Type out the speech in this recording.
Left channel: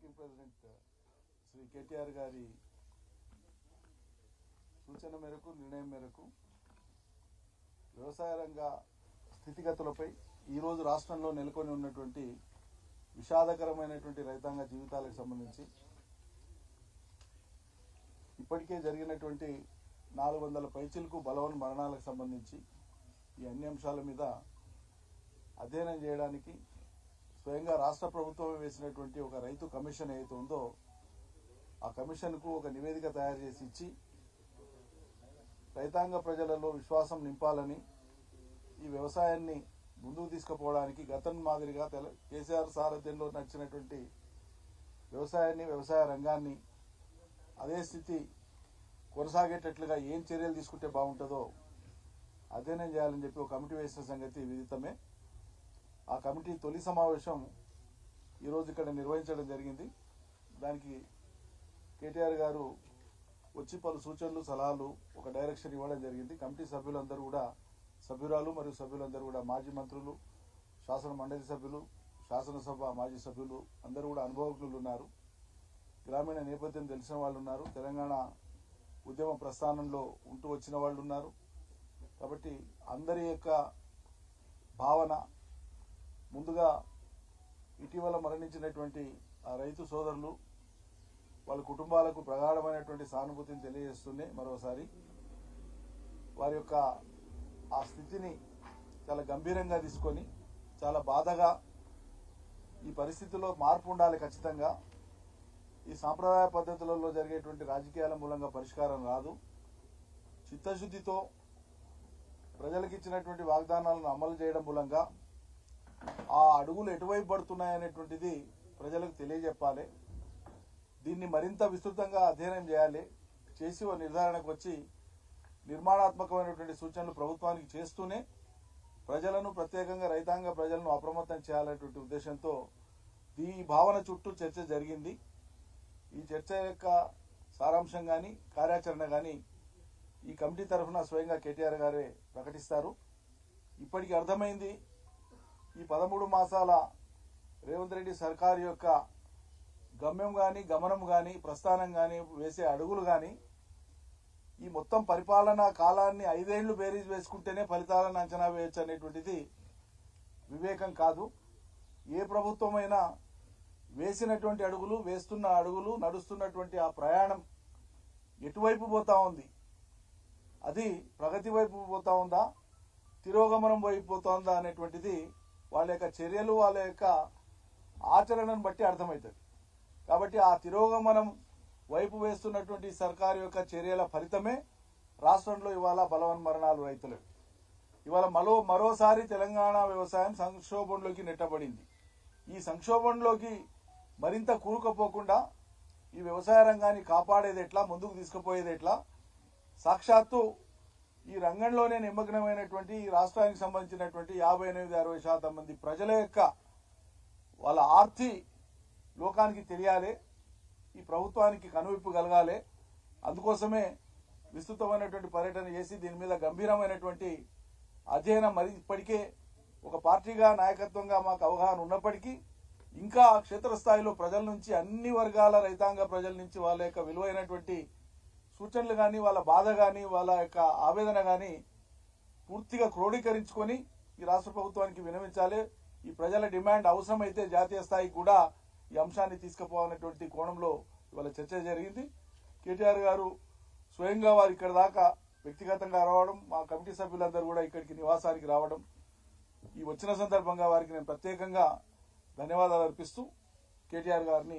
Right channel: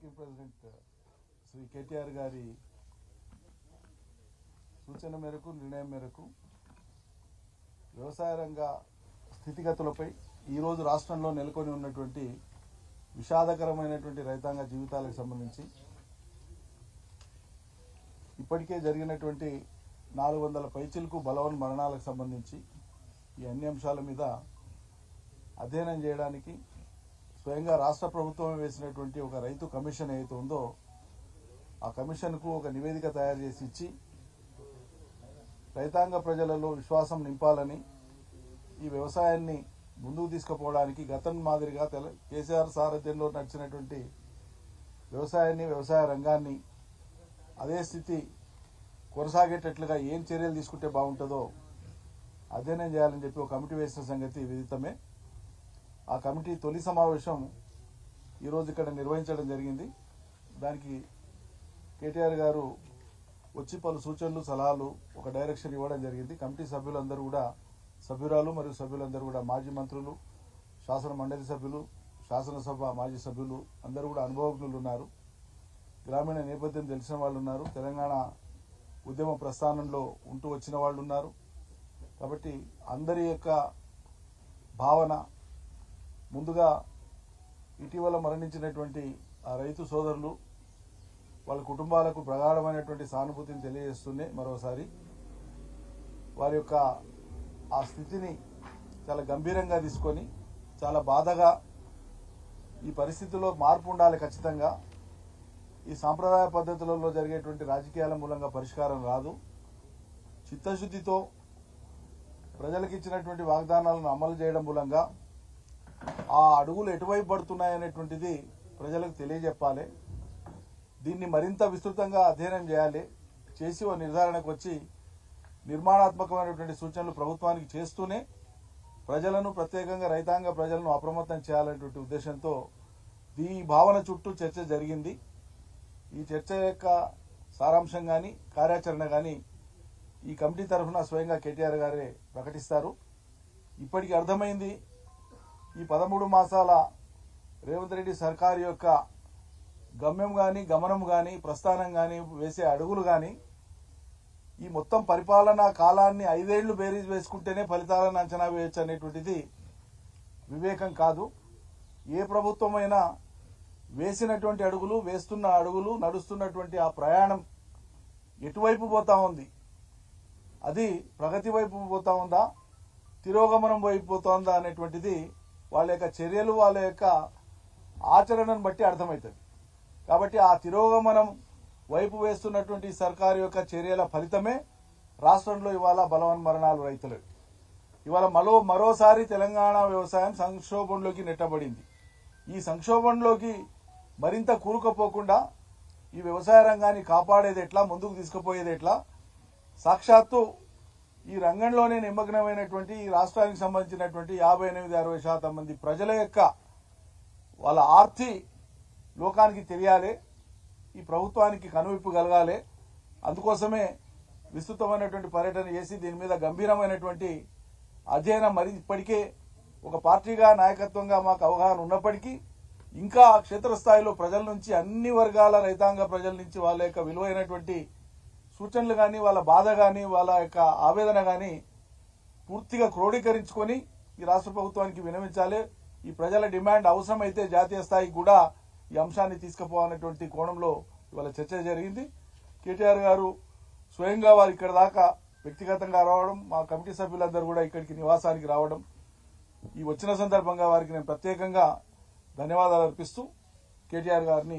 Working president Shri KTR గారి సూచన మేరకు నిర్ణయం మేరకు వ్యవసాయ రంగ స్థితిగతులపై ఈరోజు రాష్ట్రంలో నెలకొని ఉన్నటువంటి విషాదకరమైనటువంటి రైతాంగ జీవితాలకు సంబంధించి ఇప్పటికే జరిగినటువంటి 400 పైచిలకు బలవన్ మరణాలకు సంబంధించి ఈ అన్ని అంశాల మీద అధ్యయనం చేయడానికి స్వయంగా రాష్ట్ర ప్రభుత్వం వేసినటువంటి ఒక రైతు కమిషన్ ఏదైతే ఉందో ఆ కమిషన్కు ఒక నివేదిక తయారు చేసి ఇచ్చి రైతాంగ ప్రజలలో విశ్వాసం నింపాలని ఈ వ్యవసాయాన్ని ముందుకు తీసుకుపోవడానికి గతం మాదిరిగా కేసీఆర్ సారథ్యంలో నడిచినటువంటి వ్యవసాయాన్ని వ్యవసాయ రంగాన్ని అదే స్థితి కొనసాగేటట్లుగా ఏం చర్యలు తీసుకుంటే బాగుంటుందో అధ్యయనం చేయాలని చెప్పి ఒక కమిటీ వేసిన సంగతి విదితమే. ఆ కమిటీ తొలి సమావేశం ఈరోజు ఇక్కడ నిర్వహించడం జరిగింది. దానికి కేటీఆర్ గారు వచ్చి పలు సూచనలు సలహాలు ఒక డైరెక్షన్ ఇవ్వడం జరిగింది. కమిటీ సభ్యులందరూ కూడా సభ్యురాలు మరియు సభ్యులందరూ కూడా మాజీ మంత్రులు, శాసన మండలి సభ్యులు, శాసనసభ మాజీ సభ్యులు అందరూ కూడా అనుభవజ్ఞులు ఉన్నారు. గ్రామీణ నేపథ్యం తెలిసిన వాళ్ళు ఉన్నారు. తెలంగాణ ఉద్యమ ప్రస్థానంలో ఉంటూ వచ్చిన వాళ్ళు ఉన్నారు. కాబట్టి అందరి యొక్క భావన ముందుగా ఇటీవల మరణించినటువంటి ఆ రైతు సోదరులు వాళ్ళ కుటుంబాలకు ప్రగాఢమైనటువంటి సానుభూతిని తెలియజేస్తూనే మరోసారి వారి యొక్క ఆ స్థితిని చాలా గంభీరంగా తీసుకొని చాలా బాధగా ఈ పరిస్థితుల్లో మార్పు ఉండాలి. ఖచ్చితంగా ఈ సాంప్రదాయ పద్ధతులలో జరిగేటువంటి రాజకీయాల మూలంగా పరిష్కారం రాదు. చిత్తశుద్ధితో ప్రజలకు ఇచ్చినటువంటి వాగ్దానాలను అమలు చేయడం మూలంగా ఆ అడుగులు ఎటువైపు పడుతున్నాయనేటువంటిది ప్రజలకు తెలియజెప్పాలి. దీన్ని మరింత విస్తృతంగా అధ్యయనం చేయాలి. చేసి ఓ నిర్ధారణకు వచ్చి నిర్మాణాత్మకమైనటువంటి సూచనలు ప్రభుత్వానికి చేస్తూనే ప్రజలను ప్రత్యేకంగా రైతాంగ ప్రజలను అప్రమత్తం చేయాలనేటువంటి ఉద్దేశంతో ఈ భావన చుట్టూ చర్చ జరిగింది. ఈ చర్చ యొక్క సారాంశం కానీ కార్యాచరణ కానీ ఈ కమిటీ తరఫున స్వయంగా కేటీఆర్ గారే ప్రకటిస్తారు. ఇప్పటికి అర్థమైంది ఈ 13 మాసాల రేవంత్ రెడ్డి సర్కారు యొక్క గమ్యం కానీ గమనం కానీ ప్రస్థానం కానీ వేసే అడుగులు కానీ ఈ మొత్తం పరిపాలనా కాలాన్ని 5 ఏళ్లు బేరీజ్ వేసుకుంటేనే ఫలితాలను అంచనా వేయచ్చు అనేటువంటిది వివేకం కాదు. ఏ ప్రభుత్వమైనా వేసినటువంటి అడుగులు, వేస్తున్న అడుగులు, నడుస్తున్నటువంటి ఆ ప్రయాణం ఎటువైపు పోతా ఉంది, అది ప్రగతి వైపు పోతా ఉందా, తిరోగమనం వైపు పోతుందా అనేటువంటిది వాళ్ళ యొక్క చర్యలు, వాళ్ళ యొక్క ఆచరణను బట్టి అర్థమవుతుంది. కాబట్టి ఆ తిరోగమనం వైపు వేస్తున్నటువంటి సర్కారు యొక్క చర్యల ఫలితమే రాష్ట్రంలో ఇవాళ బలవన్ మరణాలు రైతులు. ఇవాళ మరోసారి తెలంగాణ వ్యవసాయం సంక్షోభంలోకి నెట్టబడింది. ఈ సంక్షోభంలోకి మరింత కూరుకుపోకుండా ఈ వ్యవసాయ రంగాన్ని కాపాడేది ఎట్లా, ముందుకు తీసుకుపోయేది ఎట్లా, సాక్షాత్తు ఈ రంగంలోనే నిమగ్నమైనటువంటి ఈ రాష్ట్రానికి సంబంధించినటువంటి 58-60% మంది ప్రజల యొక్క వాళ్ళ ఆర్తి లోకానికి తెలియాలి. ఈ ప్రభుత్వానికి కనువిప్పు కలగాలి. అందుకోసమే విస్తృతమైనటువంటి పర్యటన చేసి దీని మీద గంభీరమైనటువంటి అధ్యయనం మరి ఇప్పటికే ఒక పార్టీగా నాయకత్వంగా మాకు అవగాహన ఉన్నప్పటికీ ఇంకా క్షేత్రస్థాయిలో ప్రజల నుంచి అన్ని వర్గాల రైతాంగ ప్రజల నుంచి వాళ్ళ యొక్క విలువైనటువంటి సూచనలు కానీ, వాళ్ళ బాధ కానీ, వాళ్ళ యొక్క ఆవేదన కానీ పూర్తిగా క్రోడీకరించుకొని ఈ రాష్ట్ర ప్రభుత్వానికి విన్నవించాలి. ఈ ప్రజల డిమాండ్ అవసరమైతే జాతీయ స్థాయికి కూడా ఈ అంశాన్ని తీసుకుపోవాలనేటువంటి కోణంలో ఇవాళ చర్చ జరిగింది. కేటీఆర్ గారు స్వయంగా వారు ఇక్కడ దాకా వ్యక్తిగతంగా రావడం, మా కమిటీ సభ్యులందరూ కూడా ఇక్కడికి నివాసానికి రావడం, ఈ వచ్చిన సందర్భంగా వారికి నేను ప్రత్యేకంగా ధన్యవాదాలు అర్పిస్తూ కేటీఆర్ గారిని